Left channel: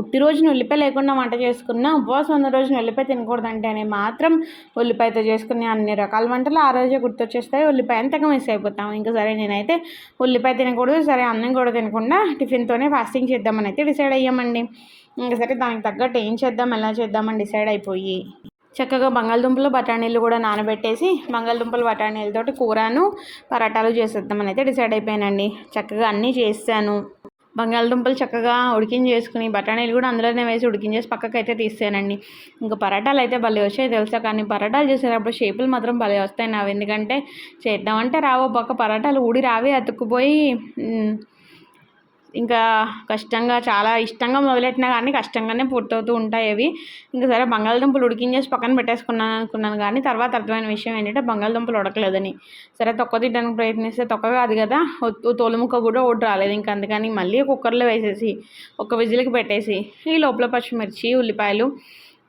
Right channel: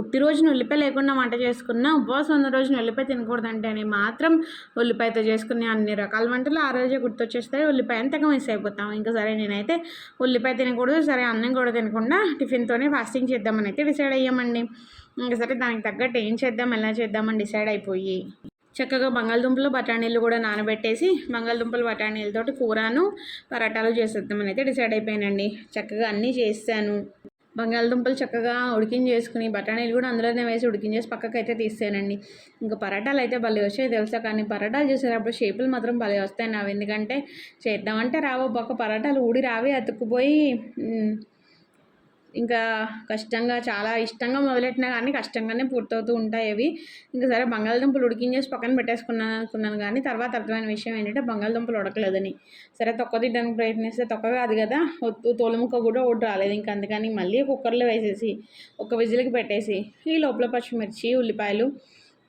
పుట్టిరోజున ఉల్లిపాయ లేకుండా వంట చేసుకున్న ఉపవాసం ఉన్న రోజున ఉల్లిపాయ తినకూడదంటేనే మాత్రం ఉల్లిపాయతో చేసుకునే అన్ని రకాల వంటలు ఆ రోజే గుర్తొచ్చేస్తాయి. ఉల్లిపాయ అంతగా మిస్ అయిపోతాం. ఇంకా సరే నేనైతే ఉల్లిపాయ తినకూడదు సరే అన్నం కూడా తినకుండా టిఫిన్తోనే ఫాస్టింగ్ చేద్దామని అయితే డిసైడ్ అయ్యామండి. ఇంకా సరే దానికి తగ్గట్టు ఏం చేద్దాం ఎలా చేద్దామని డిసైడ్ అయిపోయి చక్కగా బంగాళదుంపలు బఠానీలు కూడా నానబెట్టేసి బంగాళదుంపలు బఠానీలతోటి కూరను పరాటాలు చేసేద్దామని అయితే డిసైడ్ అయిపోయానండి. చక్కగా అన్నీ చేస్తాను బంగాళదుంపలు చక్కగా ఉడికించేసుకుని బఠానీలు కూడా అందులోనే వేసి ఉడికించేసి పక్కకు అయితే తీసేనండి ఇంకా పరాటాలు అయితే భలే వచ్చాయి తెలుసా? కానీ పరాటాలు చేసేటప్పుడు షేపులు మాత్రం భలే వస్తాయి నావి. ఎందుకంటే చేద్దామంటే రావు పక్క పరాటాలు ఊడి రావి అతుక్కుపోయి ఇంకా కష్టంగా చాలా ఇష్టంగా మొదలెట్టినా కానీ కష్టంగానే పూర్తవుతూ ఉంటాయి అవి. ఇంకా సరే బంగాళదుంపలు ఉడికించేసి పక్కన పెట్టేసుకున్నాను అనుకున్నాను కానీ తర్వాత అర్థమైన విషయం ఏంటంటే బంగాళదుంపలు ఉడకలేదని. సరే తొక్క తిట్టడానికి ప్రయత్నిస్తే తొక్క కాదు కదా తోలుముక్క కూడా ఒకటి రాలేదు. ఇంకా అందుకని మళ్ళీ కుక్కర్లో వేసేసి ఒక విజిల్కి పెట్టేసి ఈ లోపల పచ్చిమిర్చి ఉల్లిపాయలు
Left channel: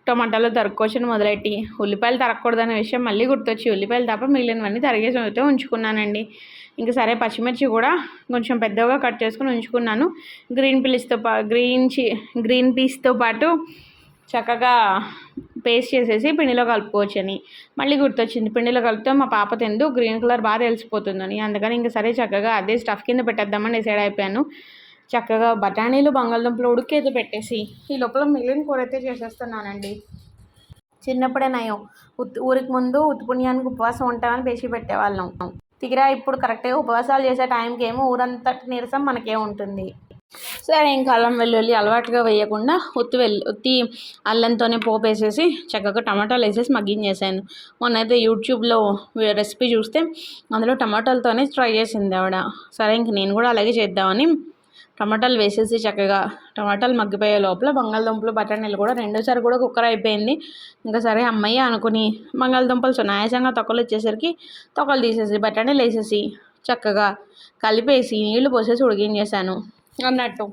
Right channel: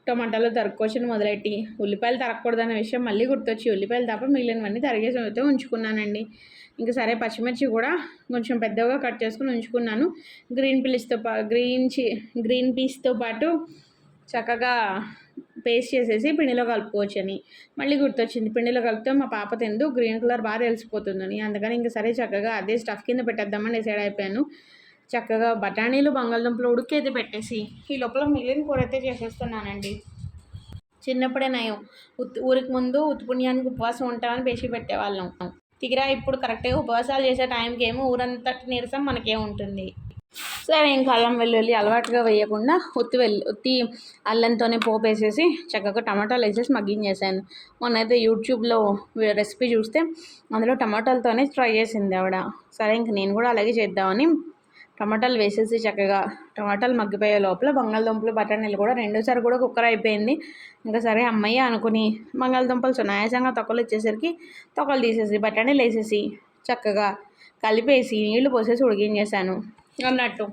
టమాటాలు తరుక్కోవచ్చని మొదలెట్టి ఉల్లిపాయలు తరగకూడదనే విషయం మళ్ళీ గుర్తొచ్చి ఉల్లిపాయలు తప్ప మిగిలినవన్నీ తరిగేసి అయితే ఉంచుకున్నానండి. ఇంకా సరే పచ్చిమిర్చి కూడా కొంచెం పెద్దగా కట్ చేసుకుని ఉంచుకున్నాను. గ్రీన్ పీస్తో పా గ్రీన్ చి గ్రీన్ పీస్తో పాటు చక్కగా పేస్ట్ చేసేసి పిండిలో కలుపుకోవచ్చని మళ్ళీ గుర్తొచ్చింది. పిండిలో కలిపితే మా పాప తిందు గ్రీన్ కలర్ బాగా తెలిసిపోతుందని. అందుకని ఇంకా సరే చక్కగా అదే స్టఫ్ కింద పెట్టేద్దామని డిసైడ్ అయిపోయాను. చక్కగా బఠానీలు బంగాళదుంపలు ఉడికేది పెట్టేసి ఈ లోపల మిగిలిన కూర అయితే చేసేస్తున్నానండి. చిన్నప్పుడే నయం. ఉత్ ఊరికి ముందు ఉత్పుణ్యానికి ఉపవాసం ఉంటామని పేచి పెట్టేవాళ్ళం. తిగిరా ఇప్పుడు కరెక్ట్గా ఉపవాసాలు చేసే టైంకి ఏమో ఊరంతటి నీరసం మనకే ఉంటుంది. సరే ఇంకా అల్లం వెల్లుల్లి అలవాటుగా వేయకుండా ఉత్తి వెల్లు ఉత్తి అల్లంతోనే పోపు వేసేసి చక్కగా టమాటాలు వేసేసి మగ్గించేసాను. మొన్నైతే యూట్యూబ్లో రెసిపీ చూస్తే అందులో టమాటాలతోనే ట్రై చేసింది ఆవిడ. సరే ఇంక నేను కూడా అలాగే చేద్దామని టమాటాలు వేసేసి చక్కగా టమాటాలు మగ్గిపోయే లోపల బంగాళదుంపలు బఠానీలు కూడా రెండోసారి కూడా కుక్కర్ అయిపోయింది. ఇంకా సరే అమ్మయ్య అనుకుని బంగాళదుంపలు సునాయాసంగా తొక్కలు ఇచ్చేసరికి తొక్కలు తీసేసి బఠానీలు వేసేసి చక్కగా కలిపేసి నీళ్ళు పోసేసి ఉడికించేసాను అన్నట్టు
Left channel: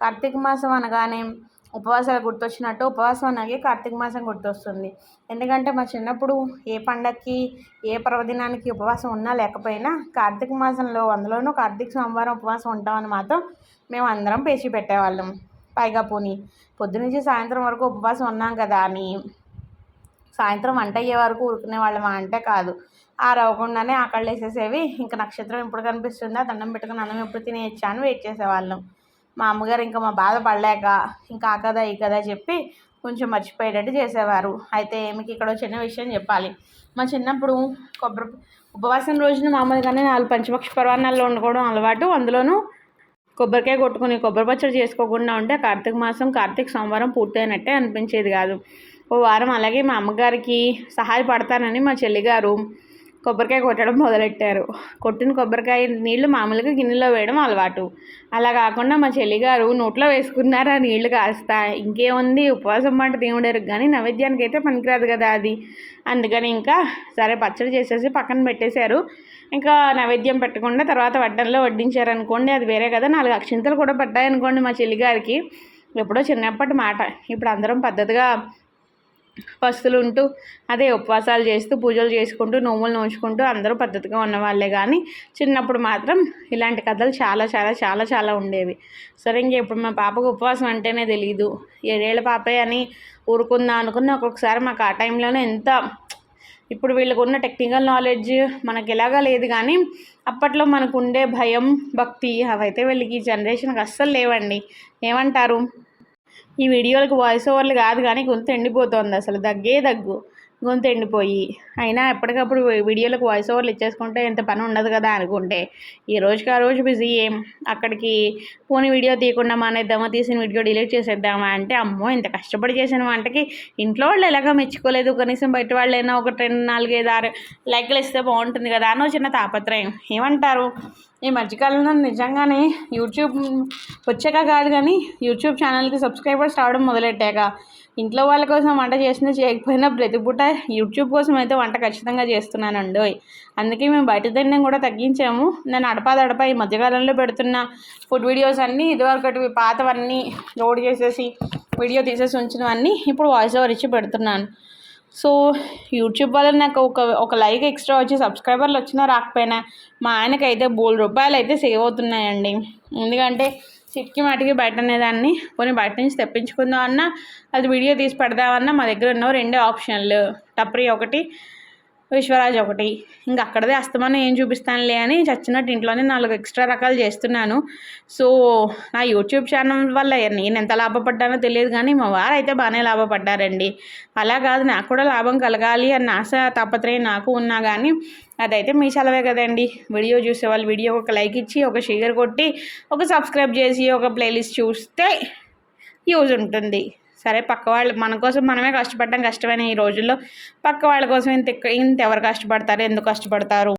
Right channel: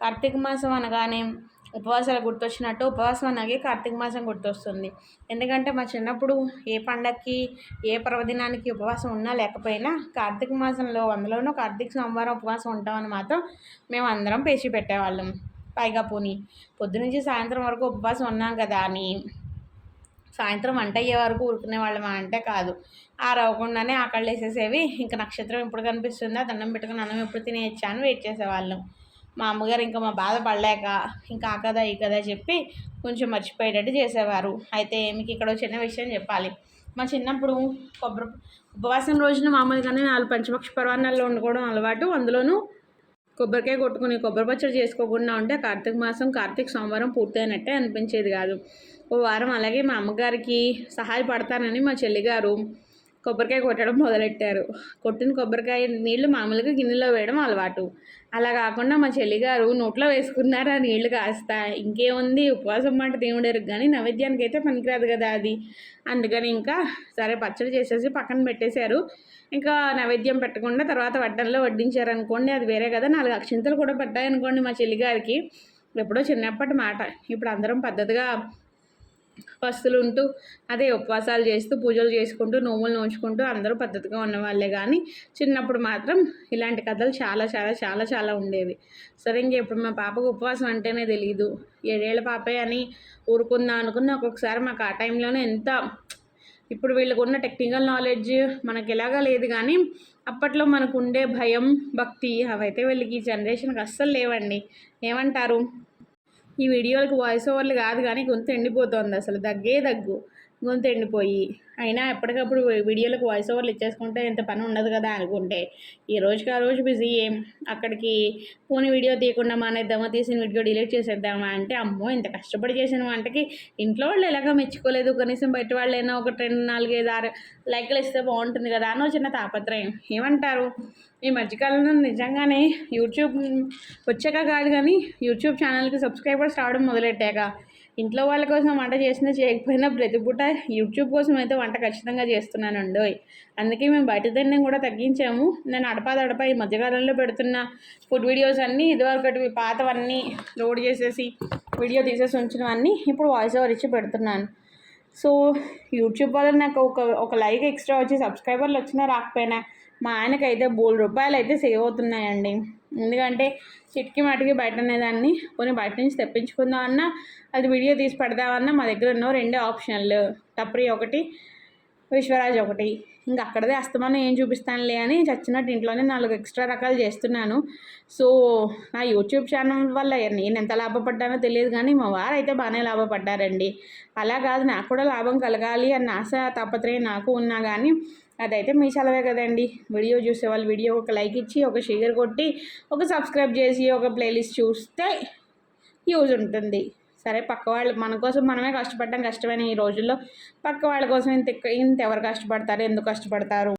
కార్తీక మాసం అనగానే ఉపవాసాలు గుర్తొచ్చినట్టు ఉపవాసం అనగా కార్తీక మాసం గుర్తొస్తుంది. ఎందుకంటే మా చిన్నప్పుడు ఏ పండక్కి ఏ పర్వదినానికి ఉపవాసం ఉన్నా లేకపోయినా కార్తీక మాసంలో అందులోనూ కార్తీక సోమవారం ఉపవాసం ఉంటామని మాత్రం మేము అందరం పేచి పెట్టేవాళ్ళం. పైగా పోని పొద్దునుంచి సాయంత్రం వరకు ఉపవాసం ఉన్నాం కదా అని సాయంత్రం వంట అయ్యే వరకు ఊరుకునే వాళ్ళమా అంటే కాదు. ఆరవకుండానే ఆకళ్ళు వేసేసేవి ఇంకా నక్షత్రం ఎప్పుడు కనిపిస్తుందా దండం పెట్టుకుని అన్నం ఎప్పుడు తినేయచ్చా అని వెయిట్ చేసేవాళ్ళం. మా అమ్మగారు ఇంకా మా బాధ పడలేక ఇంకా ఆ కదా ఈ కదా చెప్పి కొంచెం మర్చిపోయేటట్టు చేసేవారు. అయితే మీకు ఇక్కడ ఒక చిన్న విషయం చెప్పాలి. మా చిన్నప్పుడు కొబ్బరి ఉపవాసం రోజున మామూలుగానే నాలుగు పంచపక్ష పర్వాణాల్లో వండుకోవడం అలవాటు. అందులోనూ కొబ్బరికాయ కొట్టుకుని కొబ్బరి పచ్చడి చేసుకోకుండా ఉంటే కార్తీక మాసం కార్తీక సోమవారం పూర్తయినట్టే అనిపించేది కాదు. ఓ వారం అలాగే మా అమ్మగారికి సహాయపడతానని మా చెల్లిగారు కొబ్బరికాయ కొట్టడం మొదలెట్టారు. కొట్టిన కొబ్బరికాయ నీళ్ళు మామూలుగా గిన్నెలో వేయడం అలవాటు. అలా కాకుండా మా చెల్లిగారు నోట్లో వేసుకున్నారు ఆ నీళ్ళు కాస్త. ఇంకేముంది? ఉపవాసం మాట దేవుడరు కానీ నైవేద్యానికి అయితే పనికిరాదు కదా అది. అందుకని ఇంకా సరే పచ్చడి చేసేసి పక్కన పెట్టేశారు. ఇంకా నైవేద్యం పెట్టకుండా తర్వాత వడ్డంలో వడ్డించారు అనుకోండి అది వేరే కదా. నాలుగు అక్షింతలు కూడా పడ్డాయి అనుకోండి మా చెల్లిగారికి. ఎప్పుడో చిన్నప్పటి మాట. ఇప్పుడు అందరం పద్ధతిగా పస్తులు ఉంటూ అదే ఉపవాసాలు చేస్తూ పూజలు చేసుకుంటూ నోములు నోచుకుంటూ అందరూ పద్ధతిగా ఉన్నవాళ్ళే కానీ చిన్నప్పుడు మాత్రం ఇలాంటి కథలు చాలా చాలా చాలా చాలా ఉండేవి. సరే ఇంక ఇప్పుడు మా పాపకు ఉపవాసం అంటేనే తెలియదు ఏడేళ్ళ పాపే అని ఊరుకుందాం అనుకున్న ఒక్కొక్కసారి మాకు ఆ టైంలోనే ఎంత ఇప్పుడు వీళ్ళకు ఉన్న టెక్నికల్ నాలెడ్జ్ మనకి ఎలాగా లేదు కానీ అప్పట్లో మనకు ఉండే భయం భక్తి అవైతే వీళ్ళకి ఈ జనరేషన్కి అస్సలు లేవండి. ఏమంటారు? ఈ వీడియోలకు వాయిస్ ఓవర్లు కాదు కానీ గొంతు ఎండిపోతుంది అసలు. దగ్గే దగ్గు. గొంతు ఎండిపోయి అయినా ఎప్పటికప్పుడు వీడియోలకు వాయిస్ ఓవర్లు ఇచ్చేసుకుంటే ఎంత పని ఉండదు కదా అనుకుంటే. ఈ రోజుకి ఆ రోజు బిజీ ఏం? అక్కడికి పోనీ వీడియో తీయకుండా మానేద్దామా? తీసిన వీడియో డిలీట్ చేసేద్దామా? అంటే అమ్మో ఇంత కష్టపడి చేసిన వంటకి ఇంట్లో వాళ్ళు ఎలాగో మెచ్చుకోలేదు. కనీసం బయట వాళ్ళైనా ఒక రెండు నాలుగైదు ఆరు లైక్లు ఇస్తే బాగుంటుంది కదా అని చిన్న తాపత్రయం. ఏమంటారు? ఈ మధ్యకాలంలో నిజంగానే యూట్యూబ్ వచ్చాక కాదు కానీ యూట్యూబ్ ఛానల్కి సబ్స్క్రైబర్స్ రావడం మొదలెట్టాక ఇంట్లో వాళ్ళ కోసం వంట చేసినా చేయకపోయినా ప్రతి పూట యూట్యూబ్ కోసం అయితే వంట ఖచ్చితంగా చేస్తున్నానండి అందుకే మేము బయట తినడం కూడా తగ్గించాము. నేను అడపాదడప ఈ మధ్యకాలంలో పెడుతున్న ఫుడ్ వీడియోస్ అన్నీ ఇదివరకటి పాతవన్నీ లోడ్ చేసేసి వీడియో తీసేసి ఉంచినవన్నీ ఇప్పుడు వాయిస్ ఓవర్ ఇచ్చి పెడుతున్నాను. సో యూట్యూబ్ వల్ల నాకు ఒక ఒక లైక్ ఎక్స్ట్రా వచ్చి సబ్స్క్రైబర్లు వచ్చినా రాకపోయినా మా ఆయనకైతే బోల్ రూపాయలు అయితే సేవ్ అవుతున్నాయండి. ఎందుకంటే చిటికి మాటికి బయట అనేదాన్ని కొన్ని బయట నుంచి తెప్పించుకుందాం అన్నా అది వీడియో తీసి పెడదామన్నా మా దగ్గర ఉన్న రెండే ఆప్షన్లు టప్రీ ఒకటి విశ్వరాజ్ ఒకటి. ఇంకా అక్కడదే అస్తమానం ఏం చూపిస్తానులే అని చచ్చినట్టు ఇంట్లోనే నాలుగు ఎక్స్ట్రా రకాలు చేస్తున్నాను. సో నా యూట్యూబ్ ఛానల్ వల్ల నేను ఎంత లాభపడ్డానో తెలియదు కానీ మా వారు అయితే బాగానే లాభపడ్డారండి. అలా కాదు నాకు కూడా లాభం కలగాలి అన్న ఆశ తాపత్రయం నాకు ఉన్నా కానీ అదైతే మీ సెలవే కదండి. వీడియో చూసే వాళ్ళు వీడియో ఒక లైక్ ఇచ్చి ఒక షేర్ కొట్టి ఒక సబ్స్క్రైబ్ చేసి ఒక ప్లేలిస్ట్ చూస్తే యూజ్ ఉంటుంది. సరే పక్క వాళ్ళు మన కోసం మనమే కష్టపడడం కష్టమైన ఈ రోజుల్లో. పక్క వాళ్ళ కోసం ఇంత ఇంత ఎవరు కష్టపడతారు? ఎందుకు కష్టపడతారు?